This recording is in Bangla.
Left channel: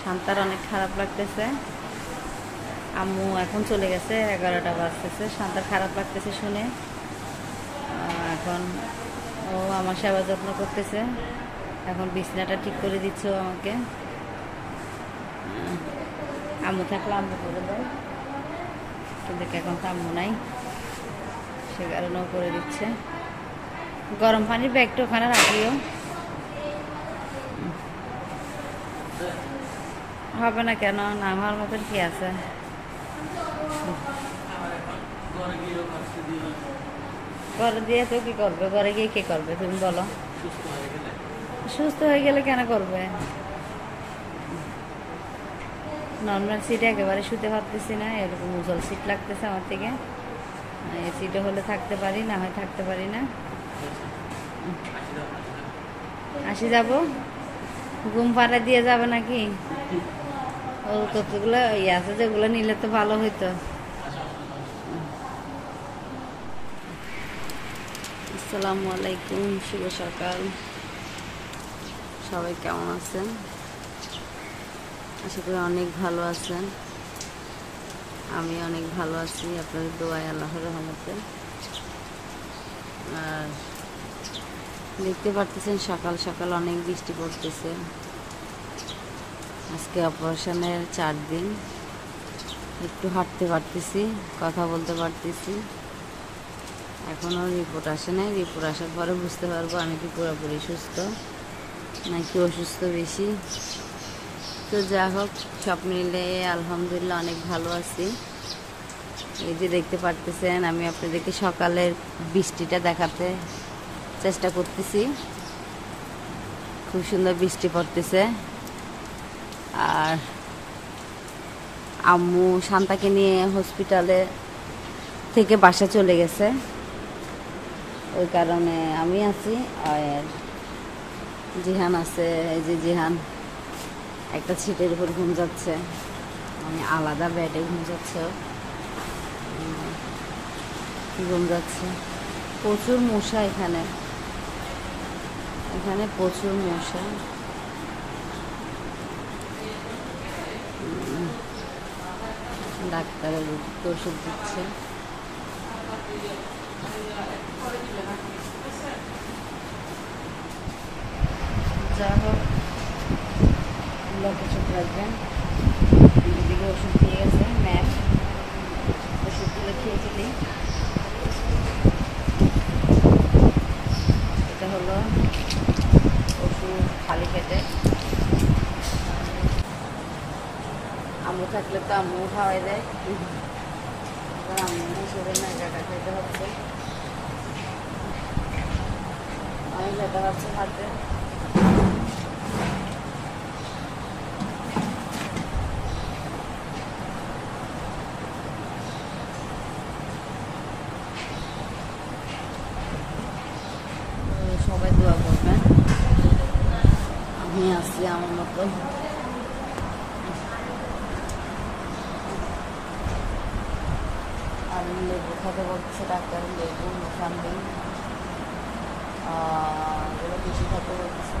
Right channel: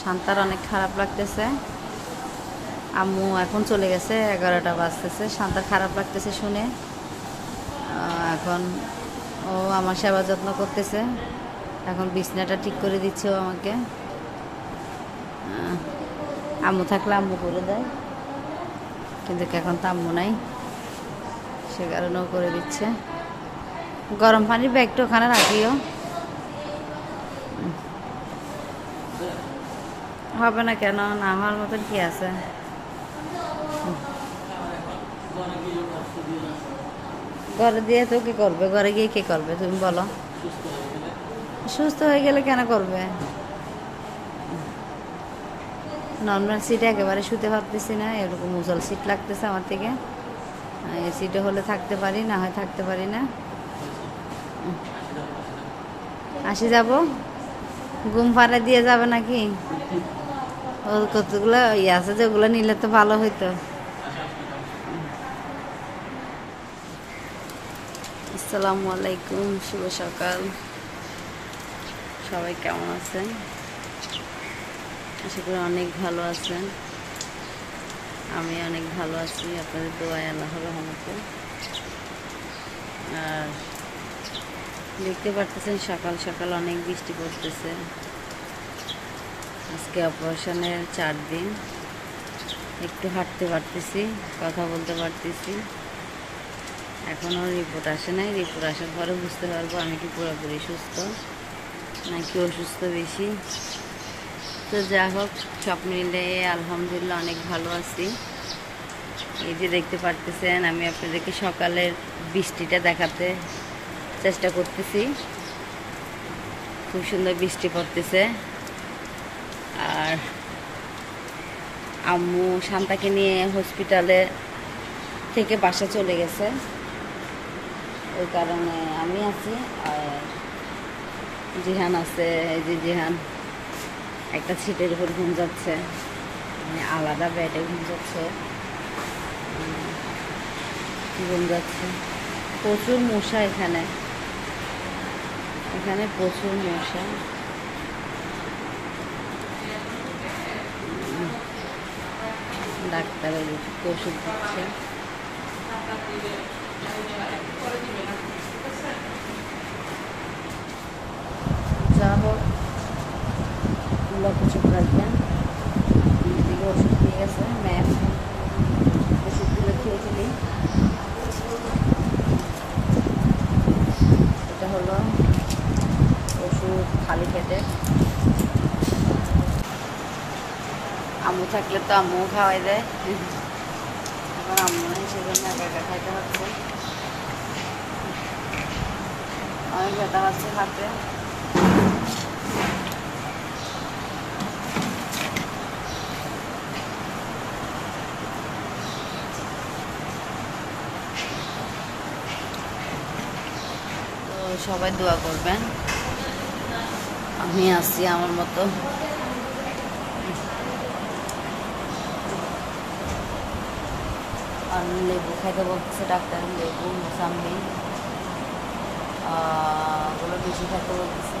শান্তার অনেক খারাপ লাগতেছে। আম্মু এখন চলে গেছে, 11টা বাজতেছে। শান্তার খারাপ লাগতেছে শুনে। এখন ও আমার সেবা যত্ন করতেছে। এখন বিছনাটা ঠিক করে দিচ্ছে ও আমাকে। আম্মু থাকলে আম্মু করে দেয়, কিন্তু এখন তো আম্মু নাই, সে কারণেও করে দিচ্ছে। গরম পানির ব্যাগটা ওখানে রাখিও। হবে না কেন? না হওয়ার মতন কি আছে? ঘরে দিয়ে তো কি করবে? ঘরে গিয়ে কি করবে তুমি বলো? সুস্থ হয়ে গেলে কেন করবে? নর্মাল সিটে একেবারে শুতে পারতেছি না, এরকম উজল সিট লাগতেছে আমার থেকে। এই সিটে হলে থাকতে পারি, না হয় থাকতে পারি না। আসি যাব, ঘুম পাড়া দিয়ে যাবে নাকি? ও কতগুলো ইয়ে আছে, যেগুলো নিলে তো ভালো হইতো। আসসালামু আলাইকুম, শুভ সকাল। সবাই কেমন আছেন? আশা করি অনেক ভালো আছেন। আমি অনেক ভালো আছি, আপনাদের দোয়ায়, আল্লাহর রহমতে। আর দেখতে পারতেছেন সকাল সকাল অনেক বৃষ্টি পড়তেছে। আজকে অপারেশনের 4 দিন। একটু হাঁটতে পারতেছি, কথা বলতে পারতেছি। এখনও রিপোর্ট আসে নাই। রিপোর্ট আসার পরে বুঝতে পারবো আমি কি পুরোপুরি সুস্থ নাকি অসুস্থ বেশি। তো যা হোক, সব মিলে আলহামদুলিল্লাহ অনেক ভালো আছি। এই যে দেখতে পারতেছেন, আমি আপনাদেরকে সকালের বৃষ্টিটা দেখাতে চেষ্টা করতেছি। খুব সুন্দর বৃষ্টি পড়তেছে। আর আম্মু শান্তাকে নিয়ে হসপিটালে থেকে বাসা চলে গেছে, ওই কারণে আমি আছি। আর জিহান আছে, এই যে জিহান একটা ছিটের উপর ঘুম যাচ্ছে, আমি আলাদা বেডে ঘুম যাচ্ছে, ঘুম যাচ্ছে। প্রচুর মশা এখানে, এখানে প্রচুর মশা। ডাক্তারের ওষুধ দিচ্ছে। যা হোক, কিছু রাখবেন। এদিকে ওষুধ দিয়ে গেছে, ম্যাপ ওষুধগুলো খেয়ে ফেলি। এটা হলো ওষুধ খালি পেটে। আম্মু থাকলে তো আম্মু খাওয়াই দেয়, এবার আম্মু নেই, সেজন্য একা একা খাইতে হচ্ছে। অনেক ব্যথা হচ্ছে হাতে। সবাই দোয়া করবেন, আমি আছি আমার মতো। আর লেবু খাইতে বলতেছে ডাক্তার, লেবু মোসাম্বি ওগুলো বেশি খাইতে বলতেছে।